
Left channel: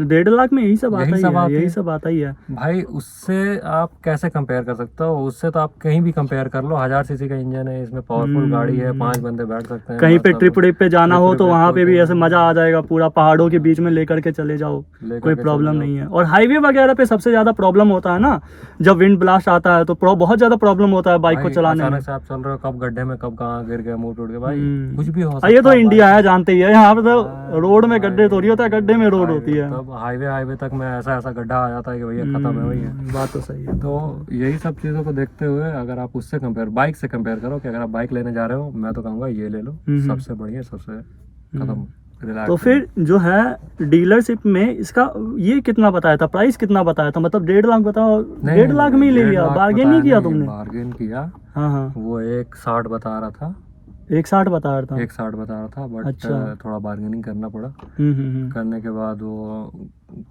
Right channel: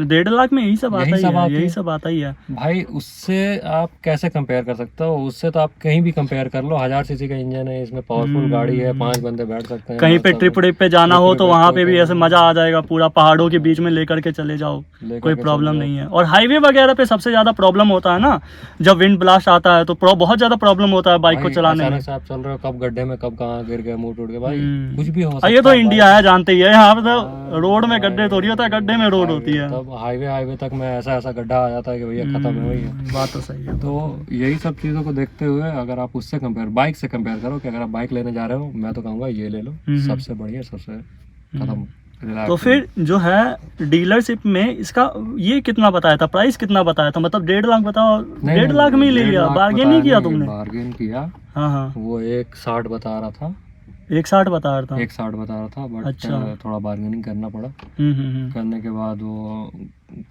1.5 लाख में यही सब आता ही है, यही सब आता ही है भाई। उससे आप कैसे कंपेयर कर सकते हो? उससे तो आप कहीं भी कंपेयर कर लो, 1000 सीसी का इंजन है, इसमें पावरफुल गाड़ी है, 5 बंदे बैठ सकते हैं। कहीं पे ट्रिप पे जाना हो तो वहां पे भी ऐसे मजा आ जाएगा, पूरा पहाड़ों के बीच में लेकर के चले जाओ, कोई प्रॉब्लम नहीं है। और हाईवे वगैरह पे सबसे ज्यादा प्रॉब्लम होता है ना, जब विंड ब्लास्ट आता है तो बहुत ज्यादा प्रॉब्लम होता है बाइक को चलाने में। अचानक से आप चल रहे हो, कब गड्ढे में कब कहाँ गिर गया, मुंह टूट गया, भाई कुछ भी हो सकता ये है। तो इंडिया है, जानते ही है, यहाँ पे तो रोड में गड्ढे थोड़ी होता है, गड्ढे में रोड होती है। तब हाईवे तक में ऐसा गड्ढा आ जाता है कि भैया खत्म है, वही है। बात तो सही है। तो यही सब चीज़ों को देखते हुए अगर आप उससे कंपेयर, बाइक से कंपेयर करो कि अगर आप बाइक लेने जा रहे हो, मैं तो कहूँगा ये ले लो, सबसे बढ़िया, सबसे खत्म। तो फिर जो है डीलरशिप में इसका ये कितना बताया था, प्राइस कितना बताया था, मतलब 1.5 लाख बताओ? 1.5 लाख में ही ले लिया, बार्गेन नहीं किया तुमने? बार्गेन किया। हाँ, वो 1.60 बता रहा था, 1.60 बता रहा था, 1.60 बता रहा था, बट थोड़ा बार्गेनिंग करना पड़ा। करने के बाद वो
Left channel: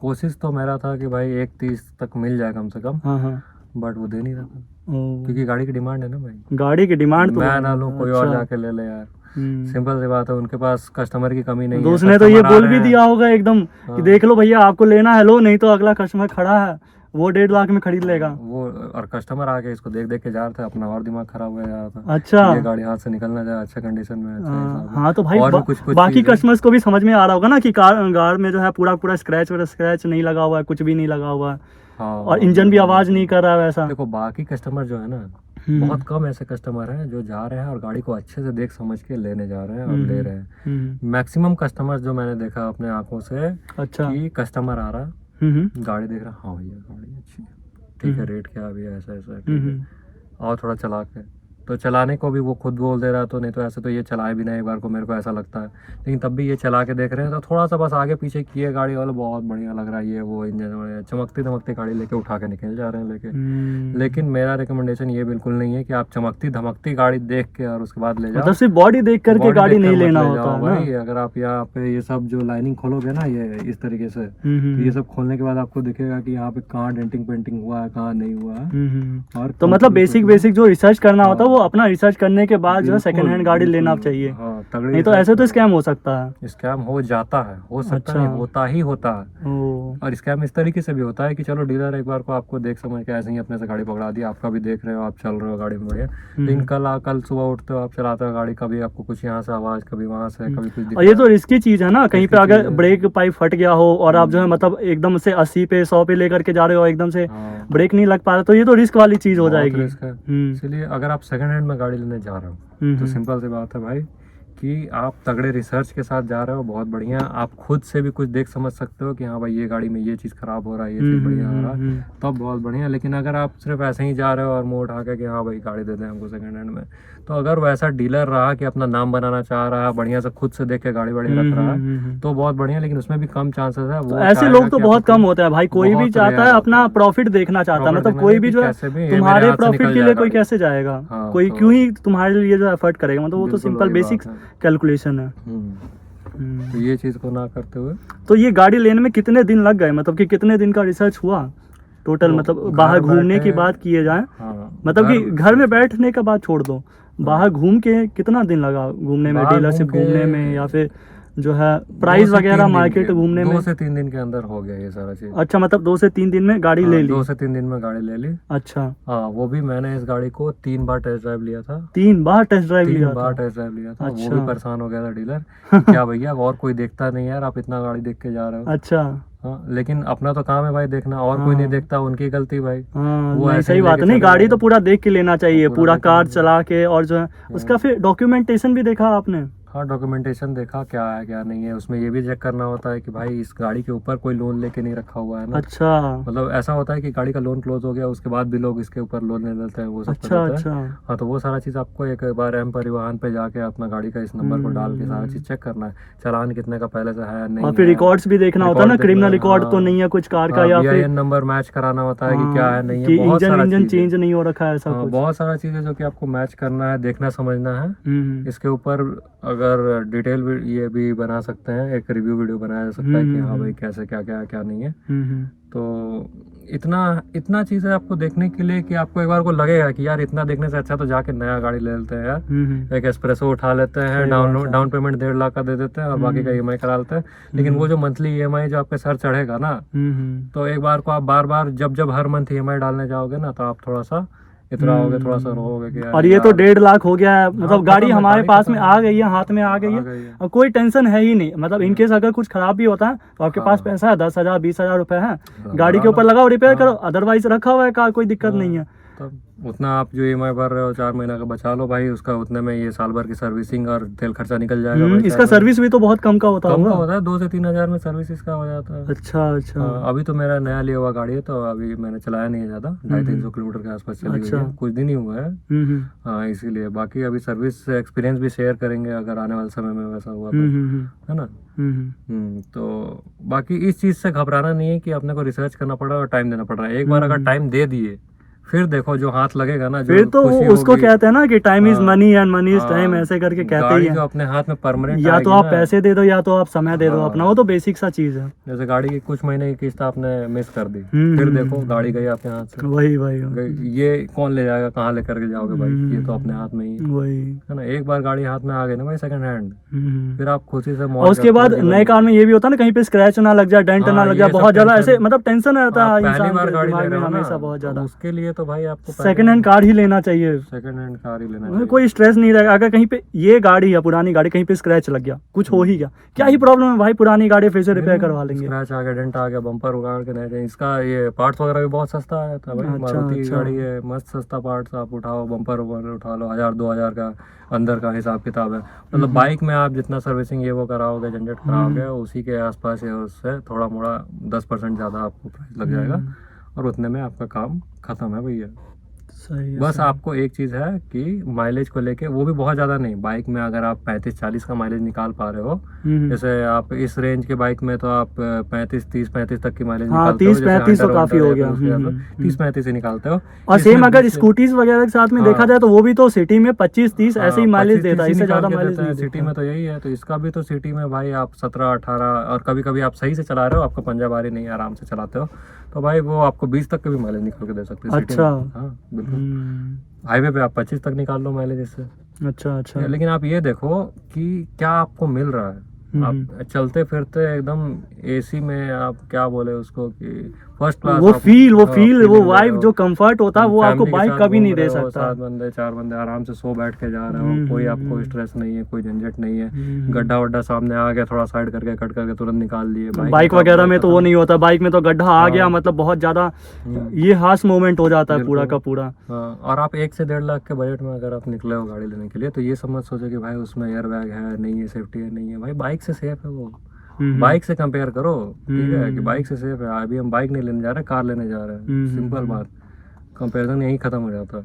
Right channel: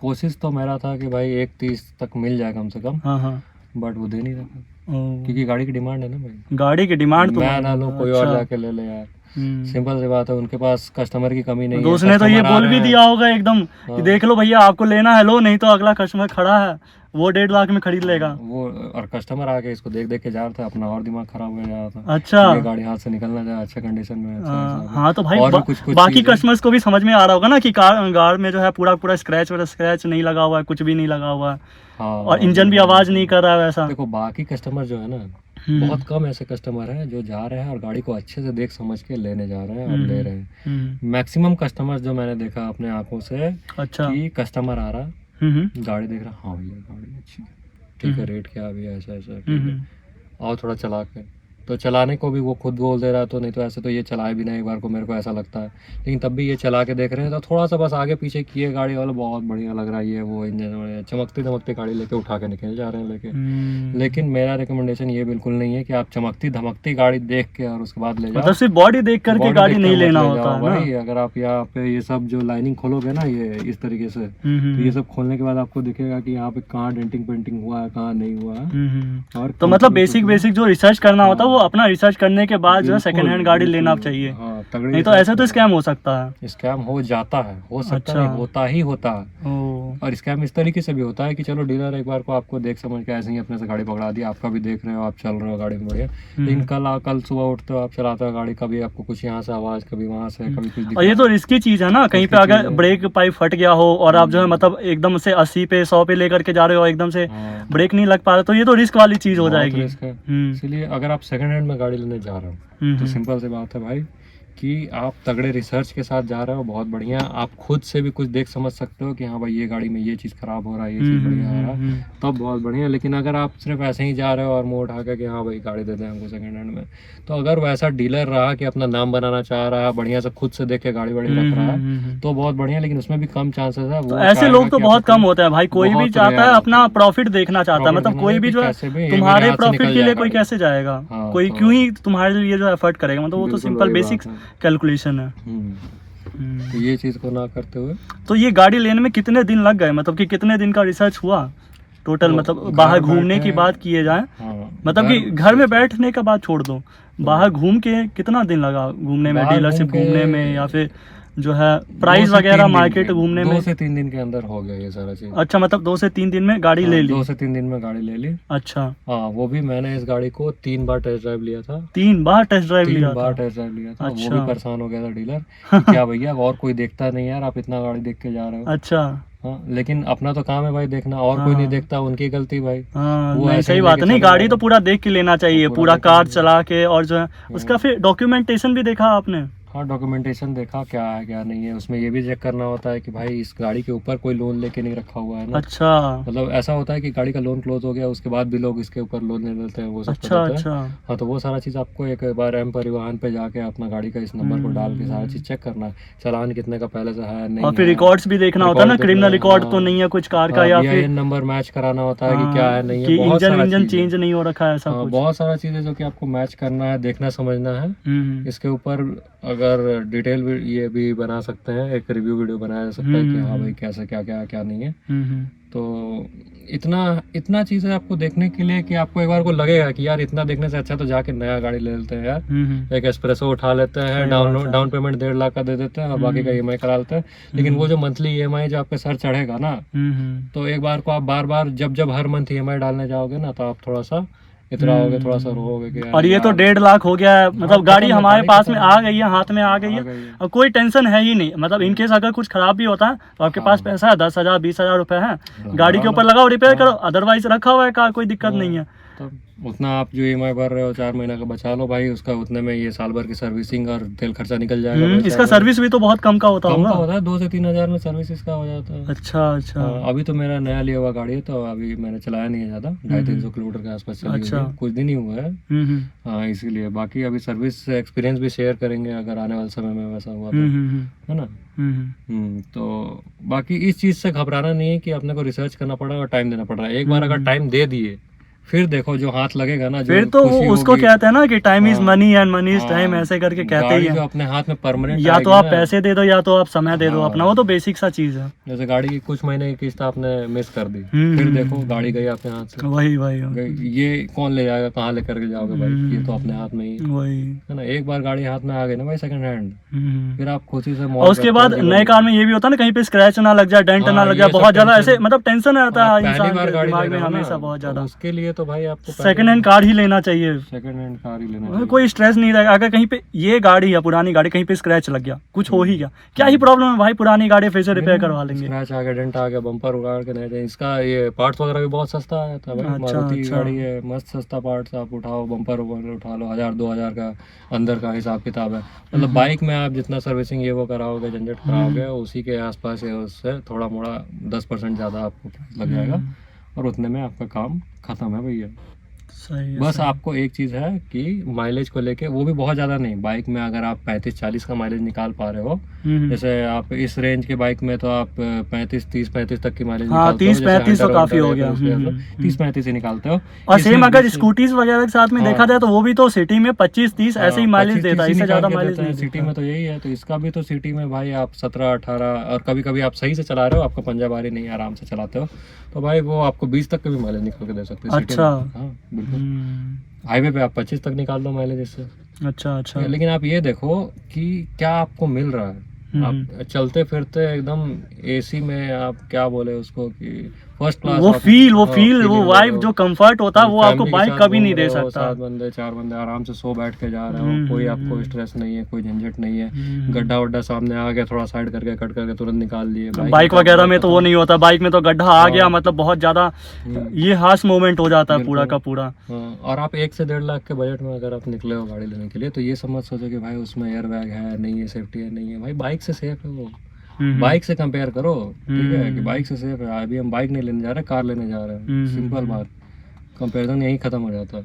कोशिश तो मेरा था कि भाई 1.30 तक मिल जाए कम से कम, बट वो दे नहीं रहा था क्योंकि गाड़ी की डिमांड है ना भाई। गाड़ी की डिमांड तो मैं ना लूं, कोई और जाके ले ले यार, सिंपल सी बात है। उनके पास कस्टमर की कमी नहीं है। उसने तो ये बोल भी दिया होगा एकदम कि देख लो भैया आपको लेना है लो, नहीं तो अगला कस्टमर खड़ा है वो 1.5 लाख में खरीद लेगा। वो और कस्टमर आके इसको देख देख के जा रहे थे, अपना और दिमाग खराब हो जा रहा था। अच्छा, ये गाड़ी हाथ से निकलना जाए अच्छे कंडीशन में। हाँ तो भाई कुछ बाकी कस्टमर्स को भी समझ में आ रहा होगा ना कि कार में जो है पूरा स्क्रैच नहीं लगा हुआ है, कुछ भी नहीं लगा हुआ है। हाँ, और इंजन भी आवाज नहीं कर रहा है वैसा। देखो बाकी कस्टमर जो है ना, बहुत कम ऐसे कस्टमर हैं जो जा रहे हैं और गाड़ी को अच्छे से देख समझ के लेने जा रहे हैं और ले रहे हैं। मैक्सिमम कस्टमर जो मैंने देखा अपने आंखों से, अच्छा, कि कस्टमर आ रहा, गाड़ी देख रहा, हाँ भैया गाड़ी अच्छी है, ठीक है, रेट क्या है भैया, ऐसा ऐसा, ठीक है, और थोड़ा चला के तो चलाने को भी वो खुद बोल दे रहा, तो नहीं तो ऐसे तो ये चलाए भी नहीं एक बार को, मेरे को ऐसा लगता है। लेकिन तब भी ये चला के देख रहे हैं तो थोड़ा सा बस आगे पीछे किए गाड़ी वाला, बहुत बढ़िया लग रहा है ये वो इंजन, चमकती धमकती गाड़ी लेके उठा के निकल जा रहे हैं लेके। लेकिन मेरा रिकमेंडेशन ये बिल्कुल नहीं है कि आप चमकती धमकती गाड़ी देख के और उसके बाद ले जाओ। मतलब सिर्फ बॉडी देख करके Body गाड़ी देख के नहीं मत लेना ले होता जाओ है भाई। ना। अगर आप यहाँ पे ये सब जो लाइनिंग खोलोगे ना ये इस तरीके से, तो ये सब खोलने के बाद आपको दिखेगा कि यहाँ पे कहाँ डेंटिंग पेंटिंग हुआ है, कहाँ नहीं हुआ है। और तो मतलब बेसिक जो रिसर्च करना होता है वो हाँ। अपना रिसर्च करने के बाद जो है सेकंड हैंड गाड़ी लेना चाहिए। नहीं तो ऐसे तो स्कैम हो सकता है। स्कैम हो जाता है, हो सकता अच्छा। नहीं, होता ही होता है। ओ, और स्कैम इस तरीके से भी होता है कि चलो डीलर एक बार को आपको देख समझ के ऐसे ही अपने से गाड़ी पकड़ा दी, आपका भी देख रहे हो, आप चल रहे हो गाड़ी में बढ़िया, लेकिन कल सुबह उठते हो, आप चलाते हो गाड़ी, कभी आपको कुछ यहाँ से आवाज, कभी वहाँ से, कभी कुछ और ये दिखता तो रिस्की चीज है ना, कहीं पे रिस्की अगर चीज़ है। ब्रेक पाइप फट गया हो और आप जो है मतलब एकदम से 80 पे 100 पे लेकर के जा रहे हो, एकदम से हाँ, ब्रेक नहीं लग पा रहा, तो ये तो रिस्क वाली चीज हो बहुत जाएगी। रिस्क है। हम्म, इसलिए अगर आप सेकंड हैंड में गाड़ी लेने जा रहे हो तो सिंपल सी बात है भाई कि आप तगड़े रिसर्च के साथ जा रहे हो, बहुत बढ़िया। आप खुद से भी कुछ देख समझ सकते हो कि हाँ भाई ये गाड़ी में ये चीज़ खराब हो रहा है, ये चीज़ बढ़िया हो रहा है, तब बहुत बढ़िया। लेकिन अगर आप सिर्फ ऐसे ही जा रहे हो और मुंह उठा के कि हाँ भाई गाड़ी दे दें हमको सेकंड हैंड में, तो अगर वैसा डीलर रहा कि अपना नाम बनाना चाह रहा है, बढ़िया से खुद से देख के गाड़ी वाड़ी रख रहा है, तो बहुत बढ़िया। लेकिन उसमें भी कम चांसेस है। तो वो ऐसे चाहेगा लोग तो कि बहुत आपको कम होता है भाई। कोई भी बहुत चाहता है rare अपना होता है। प्रॉफिट देखना चाहता है, Profit मतलब देखना कोई है भी कि जो है कैसे भी ये मेरे तुम्हारे हाथ से प्रॉफिट निकल के लिए जाएगा कोई ये। कैसे जाएगा, हाँ, कोई तो- क्यों ही तुम्हारे लिए जो एफर्ट करेगा, मतलब वो तो बिल्कुल सिंपल वही बेसिक बात है। कैलकुलेशन है। तो ये चीज़ को ना करते हुए तो ये गाड़ी लेने में कितने दिन लग गए, मतलब कि कितने दिन का रिसर्च हुआ टोटल, तो मतलब घर बाहर घूमने की बैठे- बात किए जाए, हाँ, मतलब कि घर में बैठने का बात छोड़ दो, बाहर घूम के कितना दिन लगा घूमने में, बाहर डीलरशिप घूम के घूमने में, या फिर जो है 2 प्राइस से वगैरह 3 दिन मार्केट के- घूमने 2 में। से 3 दिन के अंदर हो गया ये सारा चीज़। अच्छा, मतलब 2 से 3 दिन में गाड़ी ले ली। 2 से 3 दिन में गाड़ी ले ली। अच्छा, हाँ, वो भी मैंने इस गाड़ी को 3 बार टेस्ट ड्राइव लिया था। 3 बार टेस्ट ड्राइव 3 लिया बार था। टेस्ट ड्राइव लिया था। वो अच्छा। भी परेशान हो गया था डीलर कि क्या भैया और कोई देखता नहीं यार, आप इतना गाड़ी देख के जा रहे हो। अच्छा, हाँ, लेकिन अपना तो काम है भाई देखना, और कोई नहीं देखता, उनकी गलती भाई। हाँ, वो नहीं, ऐसे सही ही बात है। लेके नहीं, चले गाड़ी गए। तो पूरा देख के लेना चाहिए, पूरा पूरा देख के कार लेना चला के, और जो है उसका फिर डॉक्यूमेंटेशन भी देखा आपने। हाँ, डॉक्यूमेंटेशन देखा क्या है क्या नहीं है। उसमें ये भी चेक करना होता है कि भाई इस गाड़ी के ऊपर कोई लोन लेके नहीं रखा हुआ है ना। अच्छा, मतलब ऐसा होता है कि गाड़ी का लोन क्लोज हो गया, उसके बाद भी लोग इसके ऊपर लोन ले लेते हैं, वो सब अच्छा, कर देते हैं। अच्छा, हाँ, तो वो सारा चीज़ आपको एक बार एम परिवहन पे जाके अपना गाड़ी का इस नंबर को डाल के सारा चीज़ चेक करना है, चालान कितने का पहले से है नहीं और फिर है। रिकॉर्ड्स भी देखना होता है ना, रिकॉर्ड क्रिमिनल देखना, रिकॉर्ड तो हाँ। नहीं है कुछ कार का, हाँ, या फिर BIN नंबर मैच कराना होता है कि क्या है नहीं कि है, बहुत इंजन सारा इंजन चीज़ है। चेंज नहीं हो रखा है, ऐसा हाँ, कुछ। बहुत सारा चीज़ है जो कि आपको मैच करना है, देखना समझना है। इसके ऊपर अगर डिटेल ये भी बना सकते हैं, एक रिव्यू वीडियो बनाया जा सकता है कि हाँ भाई कैसे क्या क्या क्या नहीं है। तो इतना चीज़ है आपको देखने के लिए कि आपको एक बार को लगेगा कि यार इतना देखने से अच्छा तो जाके नया गाड़ी ले लेते हैं यार, एक एस्प्रेसो उठा लेते हैं, डाउन पेमेंट 1.5 लाख का दे देते हैं और बाकी का EMI करा लेते हैं। लेकिन वो जो मंथली EMI जो आपके सर चढ़ेगा ना, तो एक बार को आप बार बार जब हर मंथ EMI डालने जाओगे ना, तो आप थोड़ा सा इतना होगे, थोड़ा सा रहोगे कि यार और ये तो यार, 1.5 लाख हो गया है, मतलब गाड़ी खत्म है, हमारे गाड़ी पास खत्म में है। आ गई है, हाथ में आ गई आ है, गई है। और कोई टेंशन है ही नहीं। मतलब इनकेस अगर कुछ खराब भी होता है तो आपके पास हाँ। पैसा है, 10,000 20,000 रुपए है, हाँ, गाड़ी के हाँ, ऊपर लगाओ, रिपेयर हाँ। करो, अदरवाइज रखा हुआ है कार, कोई दिक्कत नहीं है। तब उतना आप जो EMI भर रहे हो 4 महीना का बचा लो भाई, उसका उतने में ये साल भर की सर्विसिंग और तेल खर्चा निकल जाएगा भाई। इसका सर्विस भी तो बहुत कम का होता कम का होगा। होता है, 2 से 3 हजार में सर्विस इसका हो जाता है। अच्छा, अच्छा, हाँ, अभी तो मेरा नया लिया हुआ गाड़ी है, तो अभी मैंने चलाया नहीं है ज़्यादा, 250-300 किलोमीटर के आसपास चली हुई अच्छा। है, कुछ दिन ही हुआ है। हम्म, हाँ, इसीलिए बाकी अभी सर्विस एक्सपीरियंस भी शेयर करेंगे अगर आने वाले समय में वैसा हुआ तो, है ना। तो बाकी इस चीज़ से घबराना नहीं है कि अपने को रिसर्च करना पड़ा और टाइम देना पड़ा। एक बार अगर टाइम दे दिए, फिर देखो जो हाथ लगेगा ना, जो फिर तो खुशी उसको होगी, कहते हैं ना कि टाइम इज हाँ, मनी एंड मनी इज हाँ, टाइम, ऐसे करके कहते गाड़ी ही जो हैं। अपने हाथ में परमानेंट या तो आप पैसे दे दो, या तो आप समय दे दो हाँ। अपना, वो तो बेसिक सा चीज है। जैसे गाड़ी की कुछ महीने की किस्त आपने मिस कर दी, हम्म, फिर देखो गाड़ी गई आपके हाथ से, वही गई, ये कौन ले जाएगा, कहाँ लेकर के जाओगे भाई, ये तो अपने हाथ में ही है। वही। है ना। एक बार गाड़ी हाथ में आ गई ना भाई सेकंड हैंड, फिर आप खुशी से और मौज उसके करते हो बाद जीवन नए में। कार में ये भी होता है ना, कहीं पे स्क्रैच ना लग जाए, डेंट हाँ, ना लग ये जाए, सब बहुत ज्यादा टेंशन- ऐसे मतलब टेंशन रहता आप है पहली इंसान बार के गाड़ी दिमाग ले रहे में हो ना, हमेशा बहुत तो ज्यादा। उसके लिए तो भाई आपको सेकंड हैंड कार ही लेना चाहिए, सेकंड हैंड कार ही लेना उसमें चाहिए। कोई स्ट्रेस नहीं रहेगा। अगर कहीं पे ये गाड़ी है पुरानी गाड़ी, कहीं पे स्क्रैच लग गया, कुछ हो ही गया, क्या ही प्रॉब्लम है भाई, पुरानी गाड़ी फिर से रिपेयर करवा लेंगे। स्क्रैच आ गया, डेंट आ गया, बम्पर उगाड़ के नहीं चाहिए। इसका ये पार्ट्स वगैरह भी बहुत सस्ता आया था भाई, अच्छा, मारुति की अच्छा। गाड़ी है, मस्त सस्ता पार्ट्स आप उठाओ, बम्पर उठा लो, 1000-2000 का अंदर का हिसाब किताब है। मतलब बाइक में आप जितना सर्विसिंग ये वो कराओगे, झंझट कराओगे, उसी के आसपास या उससे थोड़ा मोड़ा 10% ज़्यादा आपको प्राइस लग जाएगा और उतने में आपका काम खत्म है भैया। सही है, बस सही। आपको एक चीज़ है कि माइलेज को लेके, वो भी बहुत ज़्यादा नहीं, बाइक में अगर आप 35-40 का माइलेज निकाल पा रहे हो, जैसे आप इस रेंज के बाइक में तो आप 35 तक की माइलेज हाँ, निकालते हो, 30-35 तो काफी हो गया। 30-35 ही निकालते हो। और सेम इसमें अगर 20 स्कूटीज वगैरह के साथ में हाँ। देखा जाए तो वो भी तो सिटी में 25-30 ऐसे ही माइलेज 25-30 देता है, ही इससे निकाल ज्यादा के माइलेज देता है। नहीं सिटी देता। में तो यही है, तो इसका भी तो सिटी में भाई आप 17-18, और कभी कभी आप सही से चला रहे हो, आपको पंजा बारी नहीं, आराम से चलाते हो, तो भाई वो आपको 20 तक के भी माइलेज निकाल के दे सकते हैं सिटी अच्छा। में। हाँ बिल्कुल। हाईवे पे आप 25 तक निकाल लो माइलेज इससे। अच्छा अच्छा। लेकिन आप ये देखो कि क्या आपको मिल रहा है। आप चलते फिरते एकदम एसी में, आप क्या बोले उसको कि फर्स्ट क्लास, वो आप- फील, वो हाँ, फील, वो feeling ले वाइब, रहे जो हो। कंफर्ट होता है वो आपको फैमिली के बाइक साथ कभी घूम नहीं रहे दे हो, सकता। 7 बंदे 4 बंदे आराम से सो बैठ के जा रहे हो, कोई आपको स्ट्रेस नहीं है, कोई झंझट नहीं है। गड्ढा वड्ढा सामने आ गया, थोड़ा साइड करके कट करके तुरंत निकाल लिए। बाइक वगैरह में तो वो नहीं होता, बाइक में तो गड्ढा आ गया मतलब बहुत ज्यादा ये हार्श मोमेंट हो जाता है पूरा का पूरा। हाँ, और आप 1 से 1.5 लाख के बजट में अगर आप निकले हो गाड़ी लेने के लिए, तो ये समझ सोचो कि भाई उसमें एयर बैग है नहीं है, सेफ्टी है नहीं है, भाई बाइक से सेफ है वो। बाइक से कंपेयर करो, ठीक है, कि बाइक से सेफ है। अभी हम बाइक नहीं लेने जा रहे, कार लेने जा रहे हैं, सिंपल बात, कंपेरिजन यही खत्म हो जाता है।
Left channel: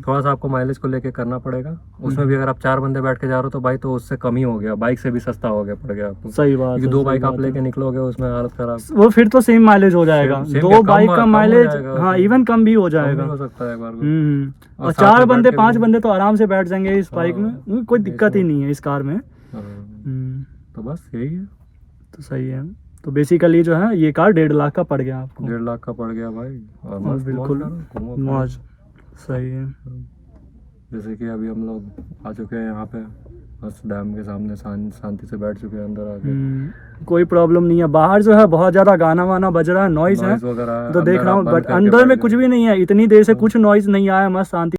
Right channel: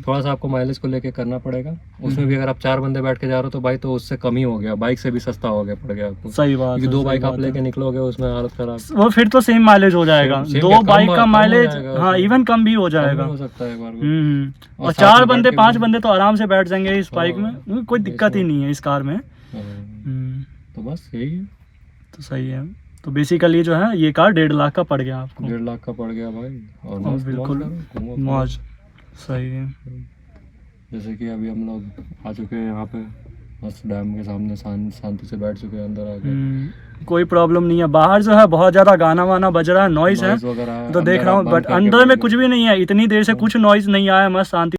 थोड़ा सा आपको माइलेज को लेके करना पड़ेगा, उसमें भी अगर आप 4 बंदे बैठ के जा रहे हो तो भाई तो उससे कम ही हो गया, बाइक से भी सस्ता हो गया पड़ गया आपको। सही बात क्योंकि है, 2 सही बाइक आप बात है। लेके निकलोगे उसमें हालत खराब। वो फिर तो सेम माइलेज हो जाएगा, सेम 2 क्या, बाइक कम का हो माइलेज, जाएगा हाँ उसमें। इवन कम भी हो कम भी जाएगा। हो सकता है एक बार को। और साथ में 4 बैठ बंदे के 5 भी- बंदे तो आराम से बैठ जाएंगे इस बाइक हाँ, में, कोई दिक्कत ही नहीं है इस कार में। हाँ, तो बस यही है। तो सही है। तो बेसिकली जो है ये कार 1.5 लाख का पड़ गया आपको। 1.5 लाख का पड़ गया भाई, और हाँ, मस्त बिल्कुल मौज करो, घूमो फिरो। मौज। सही है। जैसे कि अभी हम लोग आ चुके हैं यहाँ पे, बस डैम के सामने शांति से बैठ चुके हैं अंदर आके। कोई प्रॉब्लम नहीं है। बाहर जो है बहुत ज्यादा गाना वाना बज रहा है, नॉइज है Noise वगैरह तो देख अंदर रहा आप हूँ, बंद बट करके अंदर बैठ में कुछ जाओ। भी नहीं है, इतनी देर से कुछ नॉइज नहीं आया, मस्त शांति